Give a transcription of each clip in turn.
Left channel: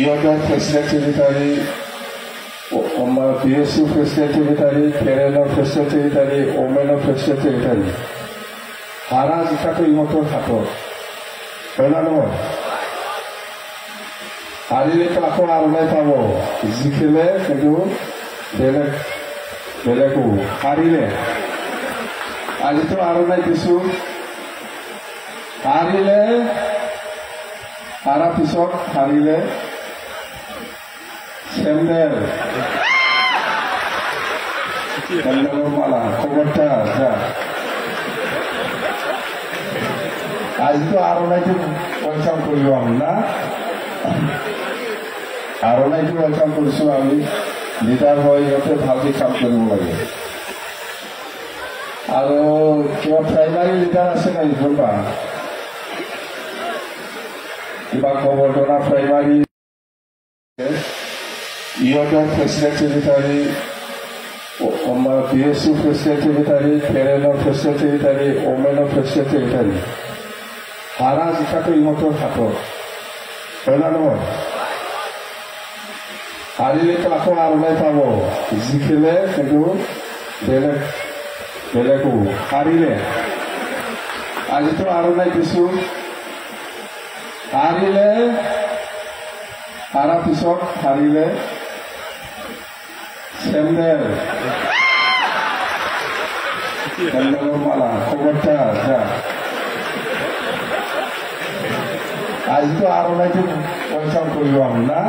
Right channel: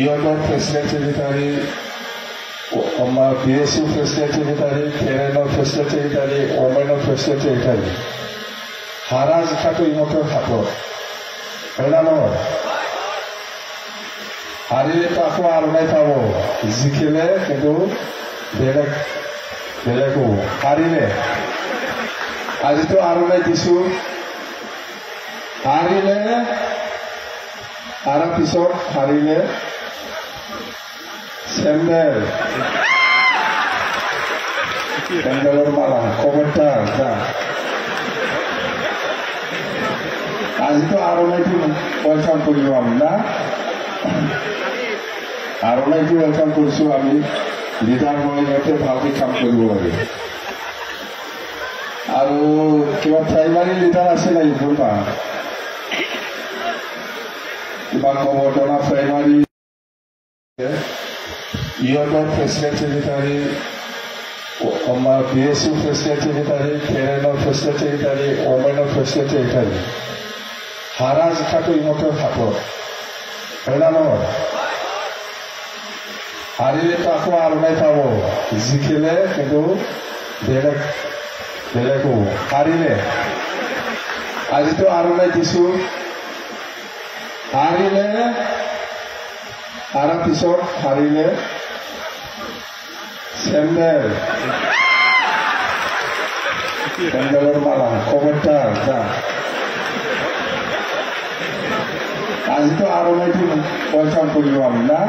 ইয়নৰ president secretary, আমাৰ BSU president secretary, কেৰেলাৰ president secretary, ওমেনৰ president secretary হাৰা জিকাটো ইহঁতৰ হাতত হয় না নহয়? হাৰিলেতো আকৌ আৰমাই পাব, জিকিলে কিন্তু বেলেগো হাৰিলে আজিতো আৰমাই দিছো, হাৰিলে তাৰ পিছত হাৰিলে চেণ্ডেল মাৰা কবুতৰা আজিতো আৰমাইটো ৱেলকাম কৰিব আমি না, আৰমাইটো ৱেলকাম কৰিছো আমি। লিডাৰ হয় সিহঁতে ভালকে কাম কৰিব লাগে। আৰু কিবা প্ৰাইমাৰী লিডাৰ আছে নাই বলবা? কিবা কবৰদৰা প্ৰাইমাৰী ইয়নৰ প্ৰেচিডেণ্ট ছেক্ৰেটাৰী, আমাৰ BSU প্ৰেচিডেণ্ট ছেক্ৰেটাৰী, কেৰেলাৰ প্ৰেচিডেণ্ট ছেক্ৰেটাৰী, ওমেনৰ প্ৰেচিডেণ্ট ছেক্ৰেটাৰী হাৰা জিকাটো ইহঁতৰ হাতত হয় না নহয়? হাৰিলেতো আকৌ আৰমাই পাব, জিকিলে কিন্তু বেলেগো হাৰিলে আজিতো আৰমাই দিছো, হাৰিলে তাৰ পিছত হাৰিলে চেণ্ডেল মাৰা কবুতৰা আজিতো আৰমাইটো ৱেলকাম কৰিব আমি না,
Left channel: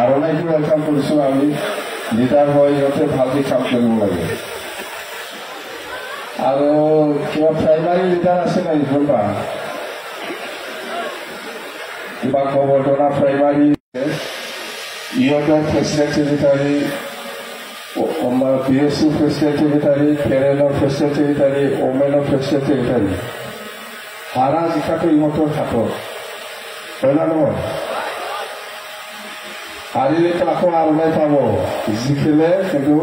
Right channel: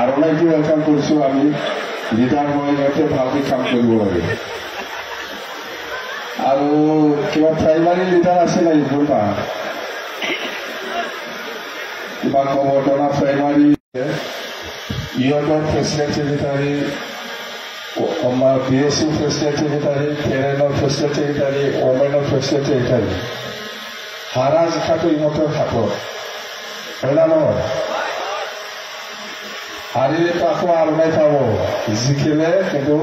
আৰমাইটো ৱেলকাম কৰিছো আমি। লিডাৰ হয় সিহঁতে ভালকে কাম কৰিব লাগে। আৰু কিবা প্ৰাইমাৰী লিডাৰ আছে নাই বলবা? কিবা কবৰদৰা প্ৰাইমাৰী ইয়নৰ প্ৰেচিডেণ্ট ছেক্ৰেটাৰী, আমাৰ BSU প্ৰেচিডেণ্ট ছেক্ৰেটাৰী, কেৰেলাৰ প্ৰেচিডেণ্ট ছেক্ৰেটাৰী, ওমেনৰ প্ৰেচিডেণ্ট ছেক্ৰেটাৰী হাৰা জিকাটো ইহঁতৰ হাতত হয় না নহয়? হাৰিলেতো আকৌ আৰমাই পাব, জিকিলে কিন্তু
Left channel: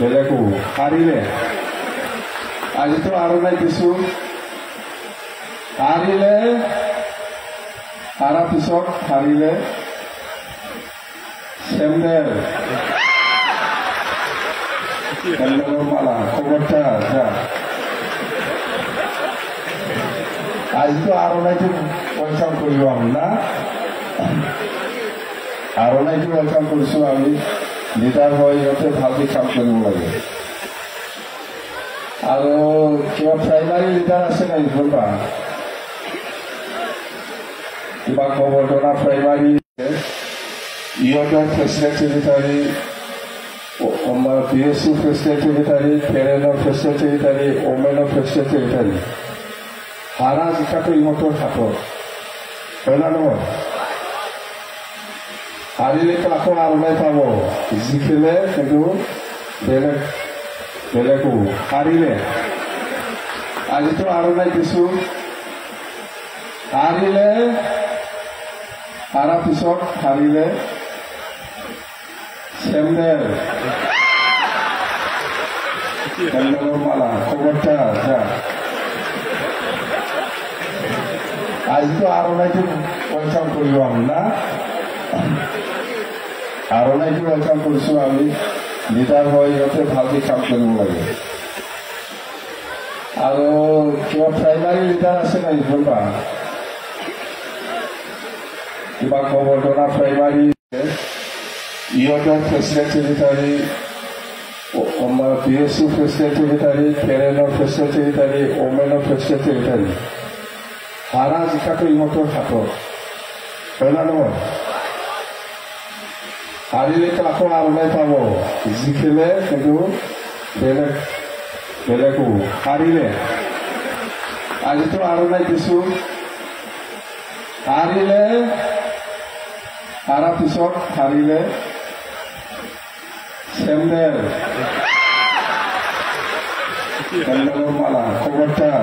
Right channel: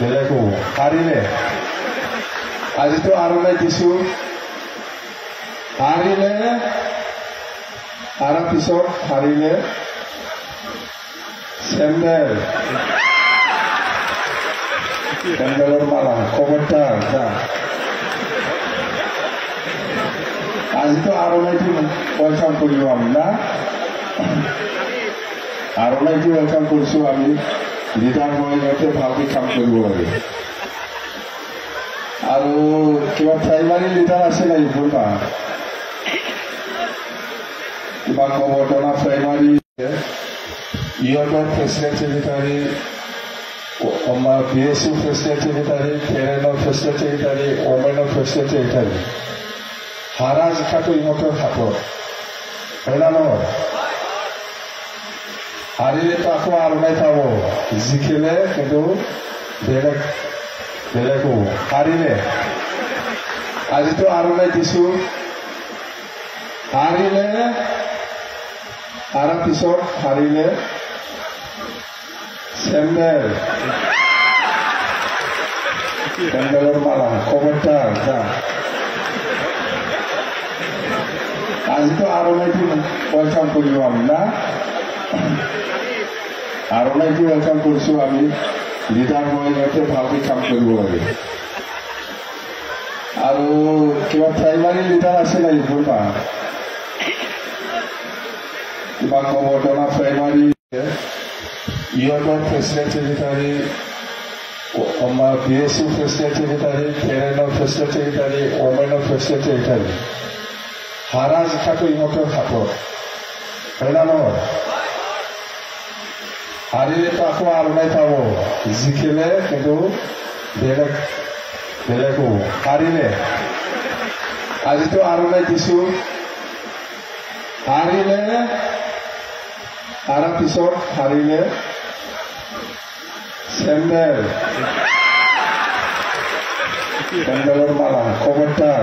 বেলেগো হাৰিলে আজিতো আৰমাই দিছো, হাৰিলে তাৰ পিছত হাৰিলে চেণ্ডেল মাৰা কবুতৰা আজিতো আৰমাইটো ৱেলকাম কৰিব আমি না, আৰমাইটো ৱেলকাম কৰিছো আমি। লিডাৰ হয় সিহঁতে ভালকে কাম কৰিব লাগে। আৰু কিবা প্ৰাইমাৰী লিডাৰ আছে নাই বলবা? কিবা কবৰদৰা প্ৰাইমাৰী ইয়নৰ প্ৰেচিডেণ্ট ছেক্ৰেটাৰী, আমাৰ BSU প্ৰেচিডেণ্ট ছেক্ৰেটাৰী, কেৰেলাৰ প্ৰেচিডেণ্ট ছেক্ৰেটাৰী, ওমেনৰ প্ৰেচিডেণ্ট ছেক্ৰেটাৰী হাৰা জিকাটো ইহঁতৰ হাতত হয় না নহয়? হাৰিলেতো আকৌ আৰমাই পাব, জিকিলে কিন্তু বেলেগো হাৰিলে আজিতো আৰমাই দিছো, হাৰিলে তাৰ পিছত হাৰিলে চেণ্ডেল মাৰা কবুতৰা আজিতো আৰমাইটো ৱেলকাম কৰিব আমি না, আৰমাইটো ৱেলকাম কৰিছো আমি। লিডাৰ হয় সিহঁতে ভালকে কাম কৰিব লাগে। আৰু কিবা প্ৰাইমাৰী লিডাৰ আছে নাই বলবা? কিবা কবৰদৰা প্ৰাইমাৰী ইয়নৰ প্ৰেচিডেণ্ট ছেক্ৰেটাৰী, আমাৰ BSU প্ৰেচিডেণ্ট ছেক্ৰেটাৰী, কেৰেলাৰ প্ৰেচিডেণ্ট ছেক্ৰেটাৰী, ওমেনৰ প্ৰেচিডেণ্ট ছেক্ৰেটাৰী হাৰা জিকাটো ইহঁতৰ হাতত হয় না নহয়? হাৰিলেতো আকৌ আৰমাই পাব, জিকিলে কিন্তু বেলেগো হাৰিলে আজিতো আৰমাই দিছো, হাৰিলে তাৰ পিছত হাৰিলে চেণ্ডেল মাৰা কবুতৰা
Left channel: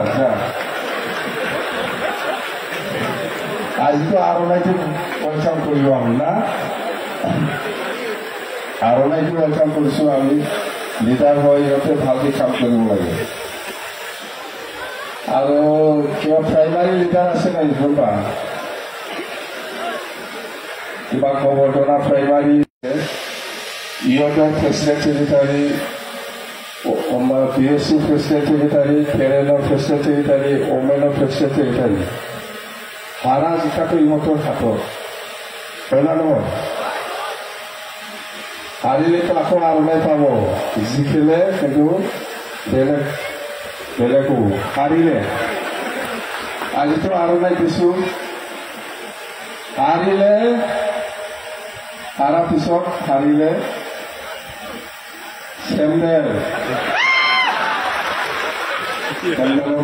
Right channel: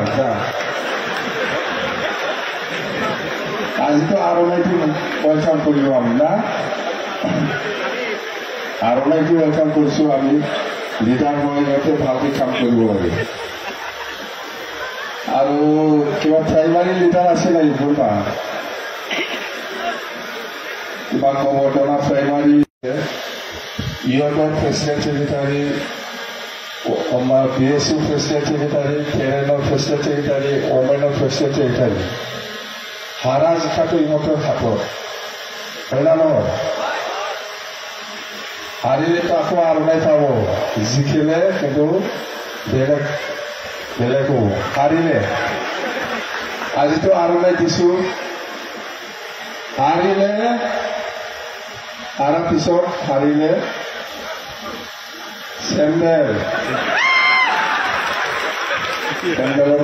আজিতো আৰমাইটো ৱেলকাম কৰিব আমি না, আৰমাইটো ৱেলকাম কৰিছো আমি। লিডাৰ হয় সিহঁতে ভালকে কাম কৰিব লাগে। আৰু কিবা প্ৰাইমাৰী লিডাৰ আছে নাই কোনোবা কিবা কবৰ্ধনা প্ৰাইমাৰী ইহঁতৰ প্ৰেচিডেণ্ট ছেক্ৰেটাৰী আমাৰ PSU প্ৰেচিডেণ্ট ছেক্ৰেটাৰী কেৰেলাৰ প্ৰেচিডেণ্ট ছেক্ৰেটাৰী ওমেনৰ প্ৰেচিডেণ্ট ছেক্ৰেটাৰী হাৰা জিকাটো ইহঁতৰ হাতত হয় না নহয় হাৰিলেতো আকৌ আৰু নাই পাব জিকিলে কিন্তু বেলেগো হাৰিলে আজিতো আৰু নাই দিছো হাৰিলে হাৰা পিছত হাৰিলে চেণ্ডেলৰ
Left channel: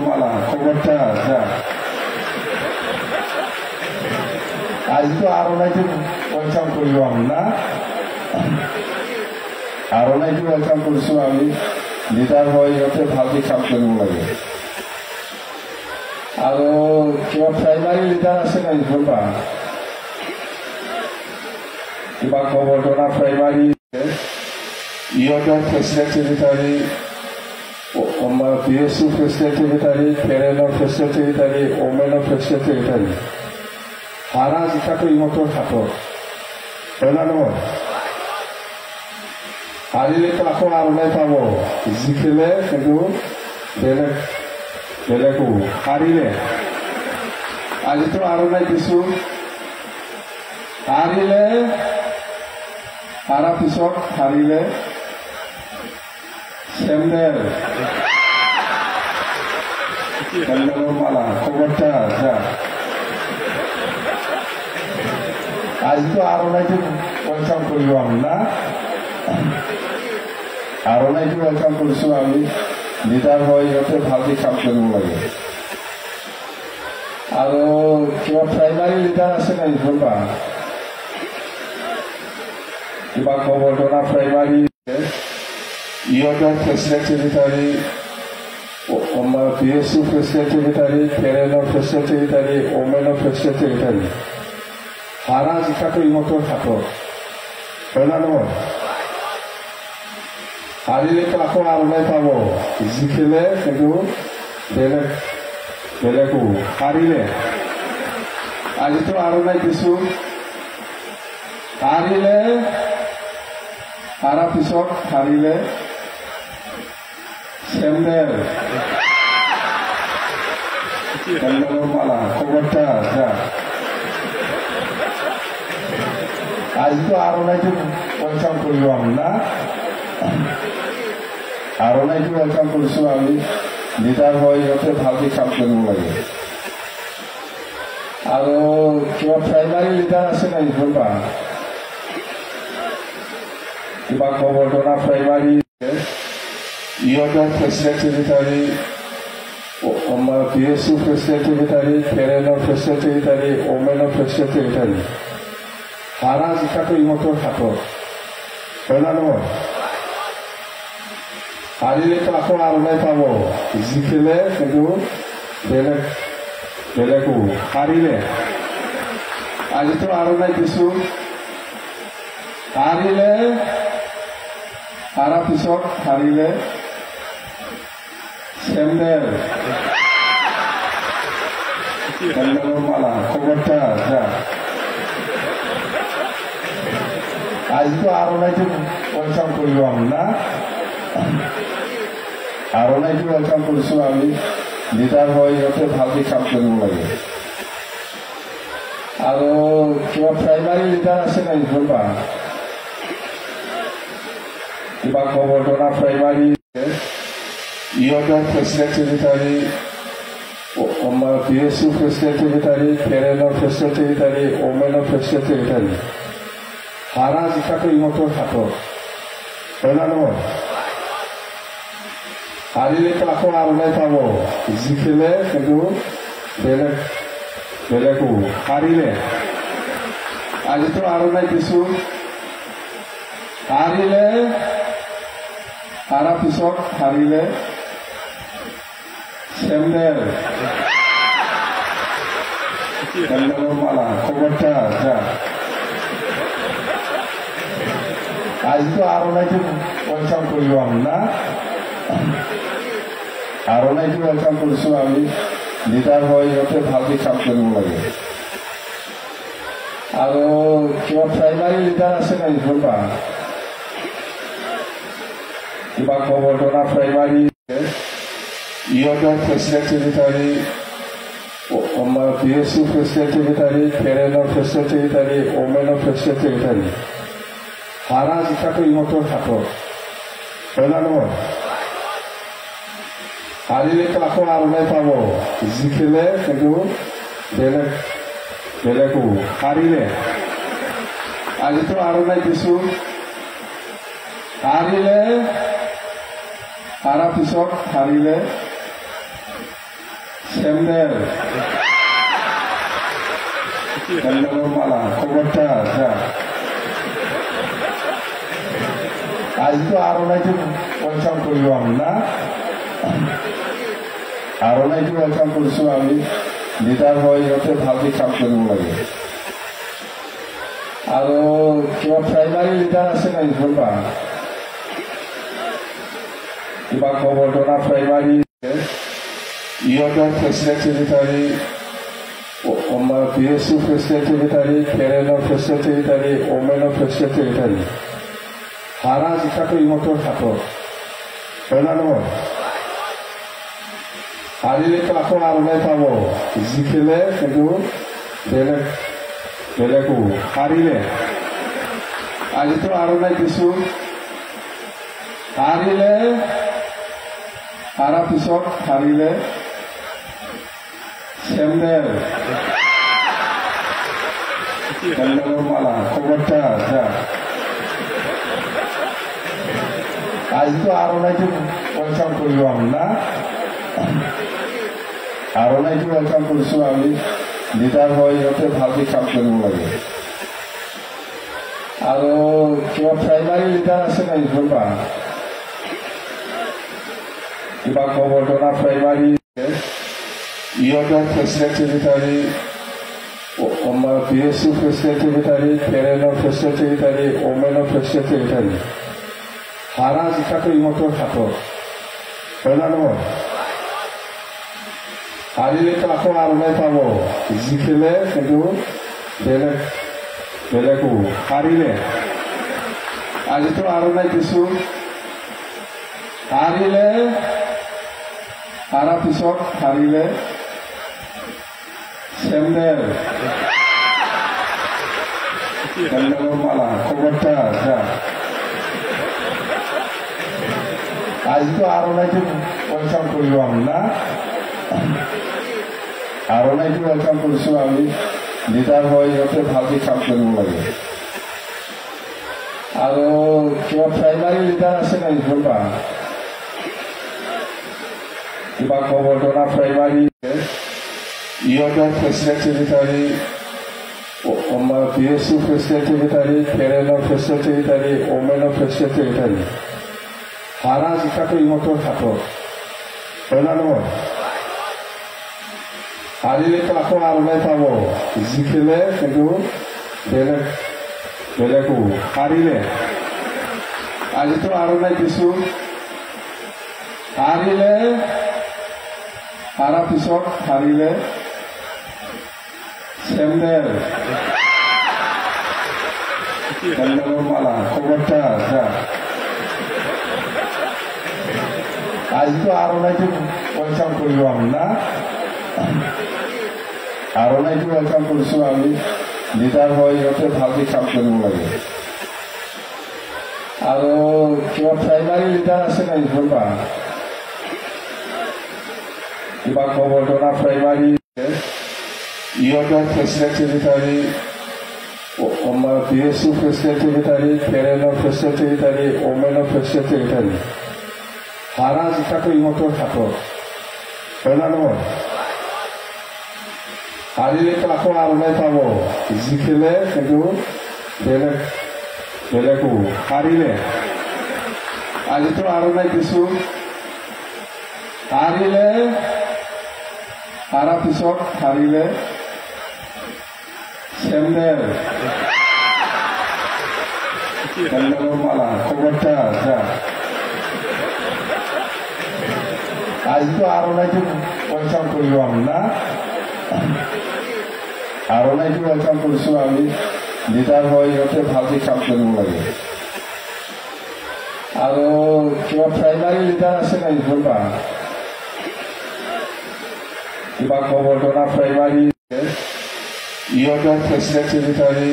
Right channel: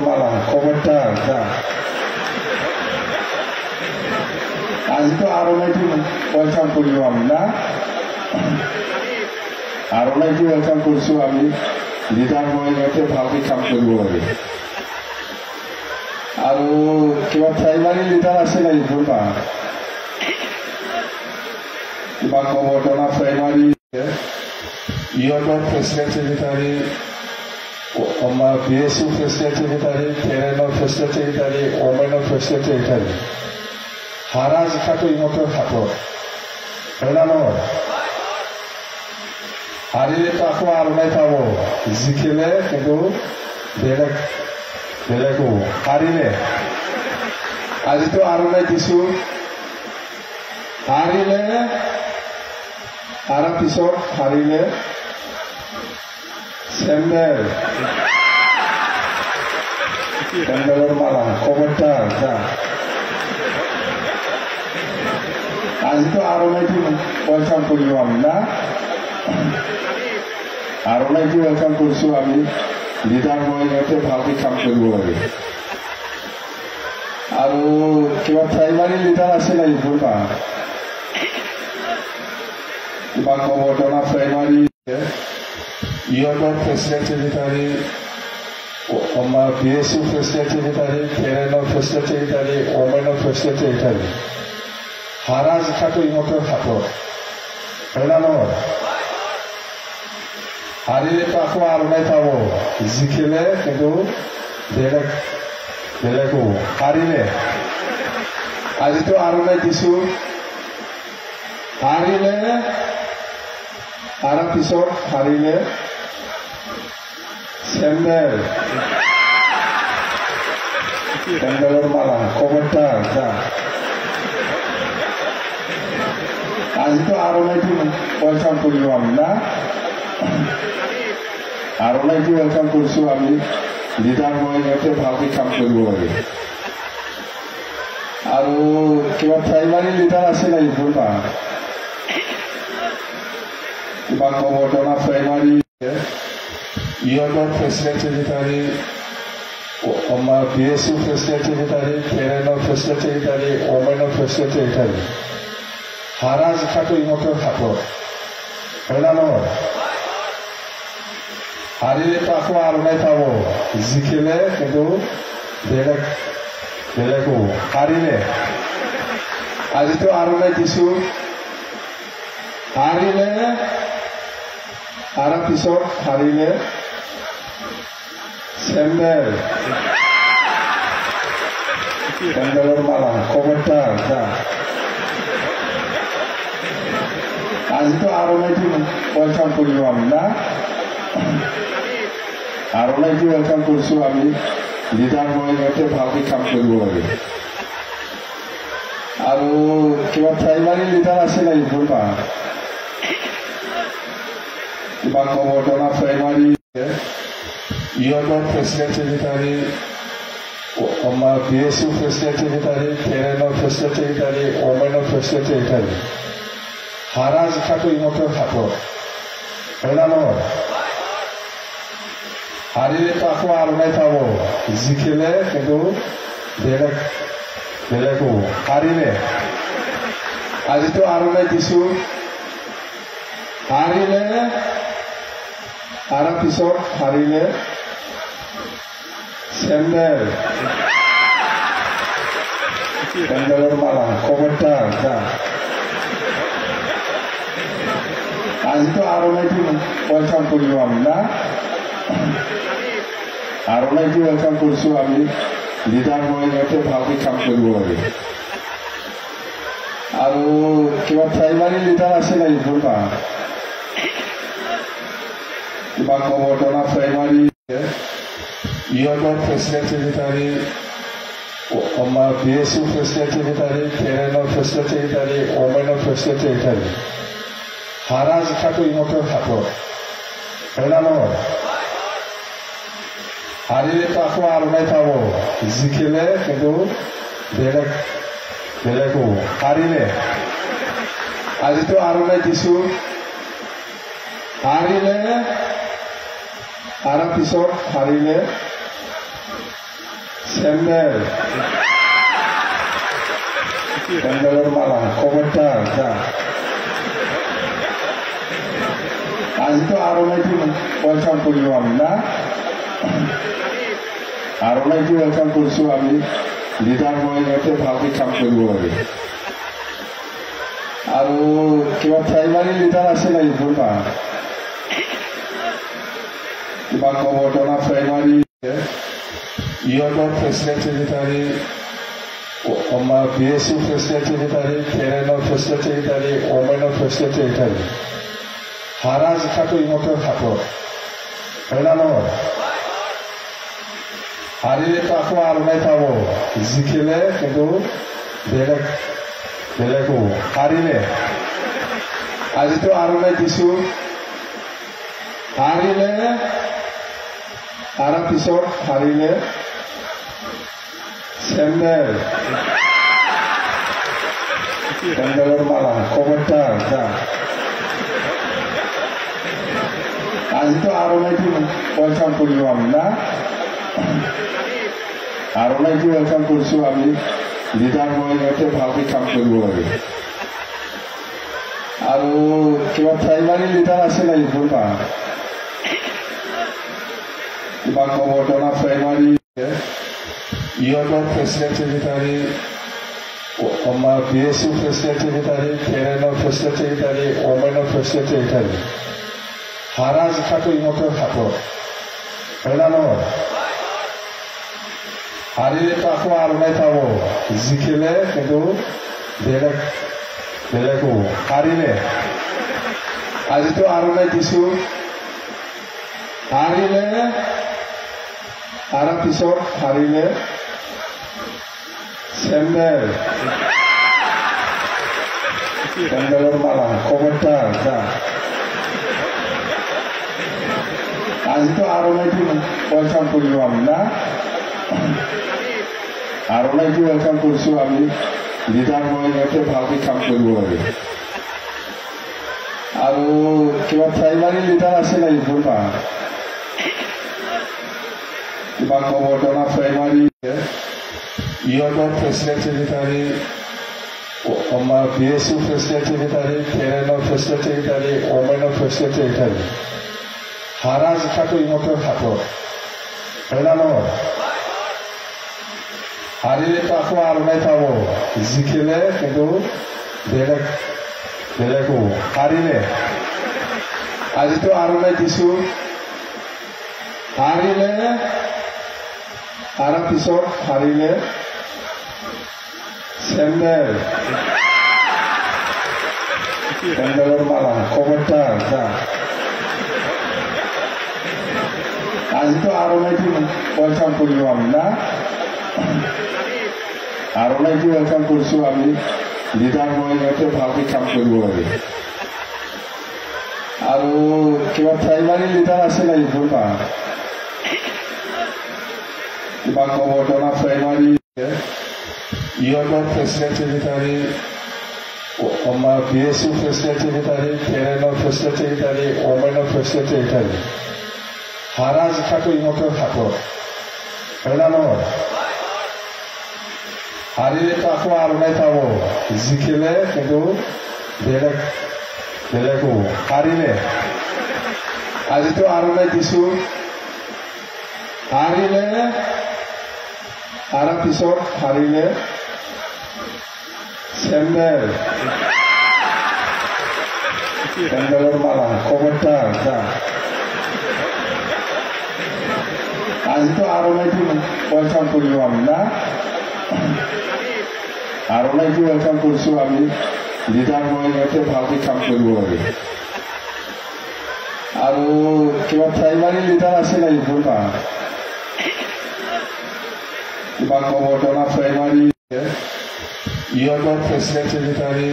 মালা কবৰ্তাৰ যা আজিতো আৰু নাইতো ৱেলকাম কৰিব আমি না আৰু নাইতো ৱেলকাম কৰিছো আমি লিডাৰ হৈ সিহঁতে ভালকৈ কাম কৰিব লাগে আৰু কিবা প্ৰাইমাৰী লিডাৰ আছে নাই কোনোবা কিবা কবৰ্ধনা প্ৰাইমাৰী ইহঁতৰ প্ৰেচিডেণ্ট ছেক্ৰেটাৰী আমাৰ PSU প্ৰেচিডেণ্ট ছেক্ৰেটাৰী কেৰেলাৰ প্ৰেচিডেণ্ট ছেক্ৰেটাৰী ওমেনৰ প্ৰেচিডেণ্ট ছেক্ৰেটাৰী হাৰা জিকাটো ইহঁতৰ হাতত হয় না নহয় হাৰিলেতো আকৌ আৰু নাই পাব জিকিলে কিন্তু বেলেগো হাৰিলে আজিতো আৰু নাই দিছো হাৰিলে হাৰা পিছত হাৰিলে চেণ্ডেলৰ মালা কবৰ্তাৰ যা আজিতো আৰু নাইতো ৱেলকাম কৰিব আমি না আৰু নাইতো ৱেলকাম কৰিছো আমি লিডাৰ হৈ সিহঁতে ভালকৈ কাম কৰিব লাগে আৰু কিবা প্ৰাইমাৰী লিডাৰ আছে নাই কোনোবা কিবা কবৰ্ধনা প্ৰাইমাৰী ইহঁতৰ প্ৰেচিডেণ্ট ছেক্ৰেটাৰী আমাৰ PSU প্ৰেচিডেণ্ট ছেক্ৰেটাৰী কেৰেলাৰ প্ৰেচিডেণ্ট ছেক্ৰেটাৰী ওমেনৰ প্ৰেচিডেণ্ট ছেক্ৰেটাৰী হাৰা জিকাটো ইহঁতৰ হাতত হয় না নহয় হাৰিলেতো আকৌ আৰু নাই পাব জিকিলে কিন্তু বেলেগো হাৰিলে আজিতো আৰু নাই দিছো হাৰিলে হাৰা পিছত হাৰিলে চেণ্ডেলৰ মালা কবৰ্তাৰ যা আজিতো আৰু নাইতো ৱেলকাম কৰিব আমি না আৰু নাইতো ৱেলকাম কৰিছো আমি লিডাৰ হৈ সিহঁতে ভালকৈ কাম কৰিব লাগে আৰু কিবা প্ৰাইমাৰী লিডাৰ আছে নাই কোনোবা কিবা কবৰ্ধনা প্ৰাইমাৰী ইহঁতৰ প্ৰেচিডেণ্ট ছেক্ৰেটাৰী আমাৰ PSU প্ৰেচিডেণ্ট ছেক্ৰেটাৰী কেৰেলাৰ প্ৰেচিডেণ্ট ছেক্ৰেটাৰী ওমেনৰ প্ৰেচিডেণ্ট ছেক্ৰেটাৰী হাৰা জিকাটো ইহঁতৰ হাতত হয় না নহয় হাৰিলেতো আকৌ আৰু নাই পাব জিকিলে কিন্তু বেলেগো হাৰিলে আজিতো আৰু নাই দিছো হাৰিলে হাৰা পিছত হাৰিলে চেণ্ডেলৰ মালা কবৰ্তাৰ যা আজিতো আৰু নাইতো ৱেলকাম কৰিব আমি না আৰু নাইতো ৱেলকাম কৰিছো আমি লিডাৰ হৈ সিহঁতে ভালকৈ কাম কৰিব লাগে আৰু কিবা প্ৰাইমাৰী লিডাৰ আছে নাই কোনোবা কিবা কবৰ্ধনা প্ৰাইমাৰী ইহঁতৰ প্ৰেচিডেণ্ট ছেক্ৰেটাৰী আমাৰ PSU প্ৰেচিডেণ্ট ছেক্ৰেটাৰী কেৰেলাৰ প্ৰেচিডেণ্ট ছেক্ৰেটাৰী ওমেনৰ প্ৰেচিডেণ্ট ছেক্ৰেটাৰী হাৰা জিকাটো ইহঁতৰ হাতত হয় না নহয় হাৰিলেতো আকৌ আৰু নাই পাব জিকিলে কিন্তু বেলেগো হাৰিলে আজিতো আৰু নাই দিছো হাৰিলে হাৰা পিছত হাৰিলে চেণ্ডেলৰ মালা কবৰ্তাৰ যা আজিতো আৰু নাইতো ৱেলকাম কৰিব আমি না আৰু নাইতো ৱেলকাম কৰিছো আমি লিডাৰ হৈ সিহঁতে ভালকে কাম কৰিব লাগে। আৰু কিবা প্ৰাইমাৰী লিডাৰ আছে নাই কোনোবা? কিবা গোবৰ্ধনা প্ৰাইমাৰী ইহঁতৰ প্ৰেচিডেণ্ট ছেক্ৰেটাৰী, আমাৰ DSU প্ৰেচিডেণ্ট ছেক্ৰেটাৰী, কেৰেলাৰ প্ৰেচিডেণ্ট ছেক্ৰেটাৰী, ওমেনৰ প্ৰেচিডেণ্ট ছেক্ৰেটাৰী, হাৰা জিকাটো ইহঁতৰ হাতত হয় না নহয়? হাৰিলেতো আকৌ আৰমাই পাব, জিকিলে কিন্তু বেলেগো হাৰিলে আজিতো আৰমাই দিছো, হাৰিলে হাৰা পিছত হাৰিলে চেণ্ডেল মাৰা কবৰটা যা আজিতো আৰমাইটো ৱেলকাম কৰিব আমি না, আৰমাইটো ৱেলকাম কৰিছো আমি। লিডাৰ হৈ সিহঁতে ভালকে কাম কৰিব লাগে। আৰু কিবা প্ৰাইমাৰী লিডাৰ আছে নাই কোনোবা? কিবা গোবৰ্ধনা প্ৰাইমাৰী ইহঁতৰ প্ৰেচিডেণ্ট ছেক্ৰেটাৰী, আমাৰ DSU প্ৰেচিডেণ্ট ছেক্ৰেটাৰী, কেৰেলাৰ প্ৰেচিডেণ্ট ছেক্ৰেটাৰী, ওমেনৰ প্ৰেচিডেণ্ট ছেক্ৰেটাৰী, হাৰা জিকাটো ইহঁতৰ হাতত হয় না নহয়? হাৰিলেতো আকৌ আৰমাই পাব, জিকিলে কিন্তু বেলেগো হাৰিলে আজিতো আৰমাই দিছো, হাৰিলে হাৰা পিছত হাৰিলে চেণ্ডেল মাৰা কবৰটা যা আজিতো আৰমাইটো ৱেলকাম কৰিব আমি না, আৰমাইটো ৱেলকাম কৰিছো আমি। লিডাৰ হৈ সিহঁতে ভালকে কাম কৰিব লাগে। আৰু কিবা প্ৰাইমাৰী লিডাৰ আছে নাই কোনোবা? কিবা গোবৰ্ধনা প্ৰাইমাৰী ইহঁতৰ প্ৰেচিডেণ্ট ছেক্ৰেটাৰী, আমাৰ DSU প্ৰেচিডেণ্ট ছেক্ৰেটাৰী, কেৰেলাৰ প্ৰেচিডেণ্ট ছেক্ৰেটাৰী, ওমেনৰ প্ৰেচিডেণ্ট ছেক্ৰেটাৰী, হাৰা জিকাটো ইহঁতৰ হাতত হয় না নহয়? হাৰিলেতো আকৌ আৰমাই পাব, জিকিলে কিন্তু বেলেগো হাৰিলে আজিতো আৰমাই দিছো, হাৰিলে হাৰা পিছত হাৰিলে চেণ্ডেল মাৰা কবৰটা যা আজিতো আৰমাইটো ৱেলকাম কৰিব আমি না, আৰমাইটো ৱেলকাম কৰিছো আমি। লিডাৰ হৈ সিহঁতে ভালকে কাম কৰিব লাগে। আৰু কিবা প্ৰাইমাৰী লিডাৰ আছে নাই কোনোবা? কিবা গোবৰ্ধনা প্ৰাইমাৰী ইহঁতৰ প্ৰেচিডেণ্ট ছেক্ৰেটাৰী, আমাৰ DSU প্ৰেচিডেণ্ট ছেক্ৰেটাৰী, কেৰেলাৰ প্ৰেচিডেণ্ট ছেক্ৰেটাৰী, ওমেনৰ প্ৰেচিডেণ্ট ছেক্ৰেটাৰী, হাৰা জিকাটো ইহঁতৰ হাতত হয় না নহয়? হাৰিলেতো আকৌ আৰমাই পাব, জিকিলে কিন্তু বেলেগো হাৰিলে আজিতো আৰমাই দিছো, হাৰিলে হাৰা পিছত হাৰিলে চেণ্ডেল মাৰা কবৰটা যা আজিতো আৰমাইটো ৱেলকাম কৰিব আমি না, আৰমাইটো ৱেলকাম কৰিছো আমি। লিডাৰ হৈ সিহঁতে ভালকে কাম কৰিব লাগে। আৰু কিবা প্ৰাইমাৰী লিডাৰ আছে নাই কোনোবা? কিবা গোবৰ্ধনা প্ৰাইমাৰী ইহঁতৰ প্ৰেচিডেণ্ট ছেক্ৰেটাৰী, আমাৰ DSU প্ৰেচিডেণ্ট ছেক্ৰেটাৰী, কেৰেলাৰ প্ৰেচিডেণ্ট ছেক্ৰেটাৰী, ওমেনৰ প্ৰেচিডেণ্ট ছেক্ৰেটাৰী, হাৰা জিকাটো ইহঁতৰ হাতত হয় না নহয়? হাৰিলেতো আকৌ আৰমাই পাব, জিকিলে কিন্তু বেলেগো হাৰিলে আজিতো আৰমাই দিছো, হাৰিলে হাৰা পিছত হাৰিলে চেণ্ডেল মাৰা কবৰটা যা আজিতো আৰনাইটো ৱেলকাম কৰিব আমি না আৰনাইটো ৱেলকাম কৰিছোঁ আমি লিডাৰ হৈ যাতে ভালকৈ কাম কৰিব লাগে আৰু কিবা প্ৰাইমাৰী লিডাৰ আছে নাই কোনোবা কিবা কবৰ্তনা প্ৰাইমাৰী ইহঁতৰ প্ৰেচিডেণ্ট ছেক্ৰেটাৰী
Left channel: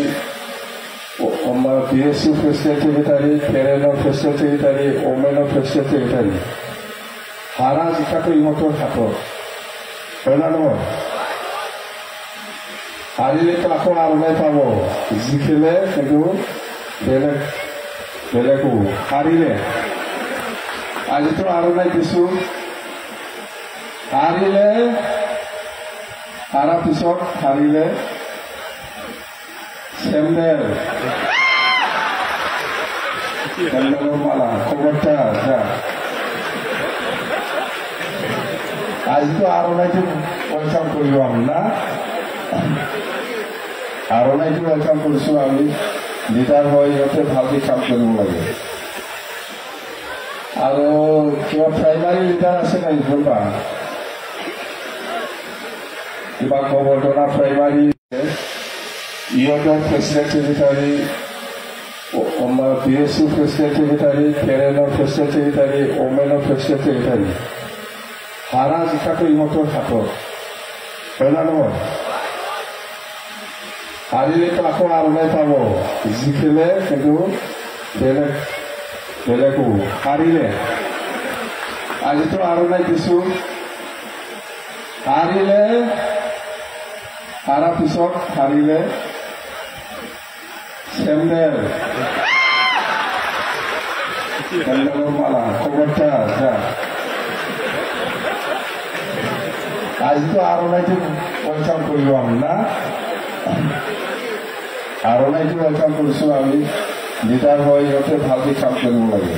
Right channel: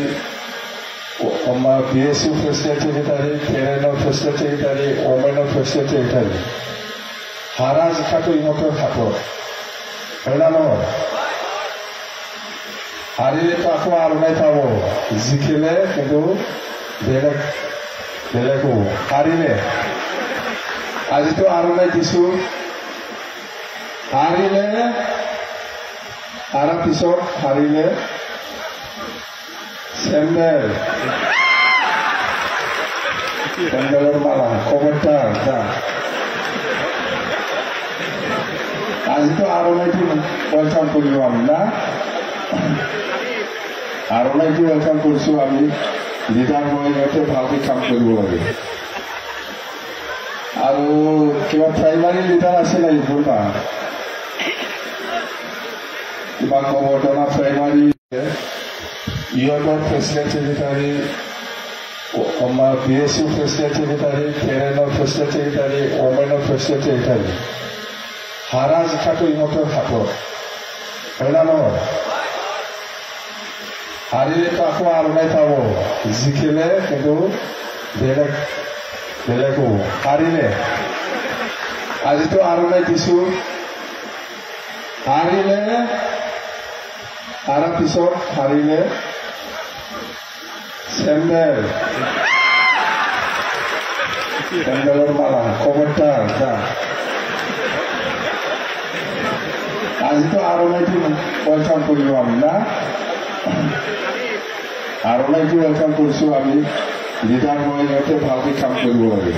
আমাৰ PSU প্ৰেচিডেণ্ট ছেক্ৰেটাৰী কেৰেলাৰ প্ৰেচিডেণ্ট ছেক্ৰেটাৰী ওমেনৰ প্ৰেচিডেণ্ট ছেক্ৰেটাৰী হাৰা জিকাটো ইহঁতৰ হাতত হয় না নহয় হাৰিলেতো আকৌ আৰনাই পাব জিকিলে কিন্তু বেলেগ হ'ব হাৰিলে আজিতো আৰনাই দিছোঁ হাৰিলে হাৰা পিছত হাৰিলে চেণ্ডেল মালা কবৰটা যা আজিতো আৰনাইটো ৱেলকাম কৰিব আমি না আৰনাইটো ৱেলকাম কৰিছোঁ আমি লিডাৰ হৈ যাতে ভালকৈ কাম কৰিব লাগে আৰু কিবা প্ৰাইমাৰী লিডাৰ আছে নাই কোনোবা কিবা কবৰ্তনা প্ৰাইমাৰী ইহঁতৰ প্ৰেচিডেণ্ট ছেক্ৰেটাৰী আমাৰ PSU প্ৰেচিডেণ্ট ছেক্ৰেটাৰী কেৰেলাৰ প্ৰেচিডেণ্ট ছেক্ৰেটাৰী ওমেনৰ প্ৰেচিডেণ্ট ছেক্ৰেটাৰী হাৰা জিকাটো ইহঁতৰ হাতত হয় না নহয় হাৰিলেতো আকৌ আৰনাই পাব জিকিলে কিন্তু বেলেগ হ'ব হাৰিলে আজিতো আৰনাই দিছোঁ হাৰিলে হাৰা পিছত হাৰিলে চেণ্ডেল মালা কবৰটা যা আজিতো আৰনাইটো ৱেলকাম কৰিব আমি না আৰনাইটো ৱেলকাম কৰিছোঁ আমি লিডাৰ হৈ যাতে ভালকৈ কাম কৰিব লাগে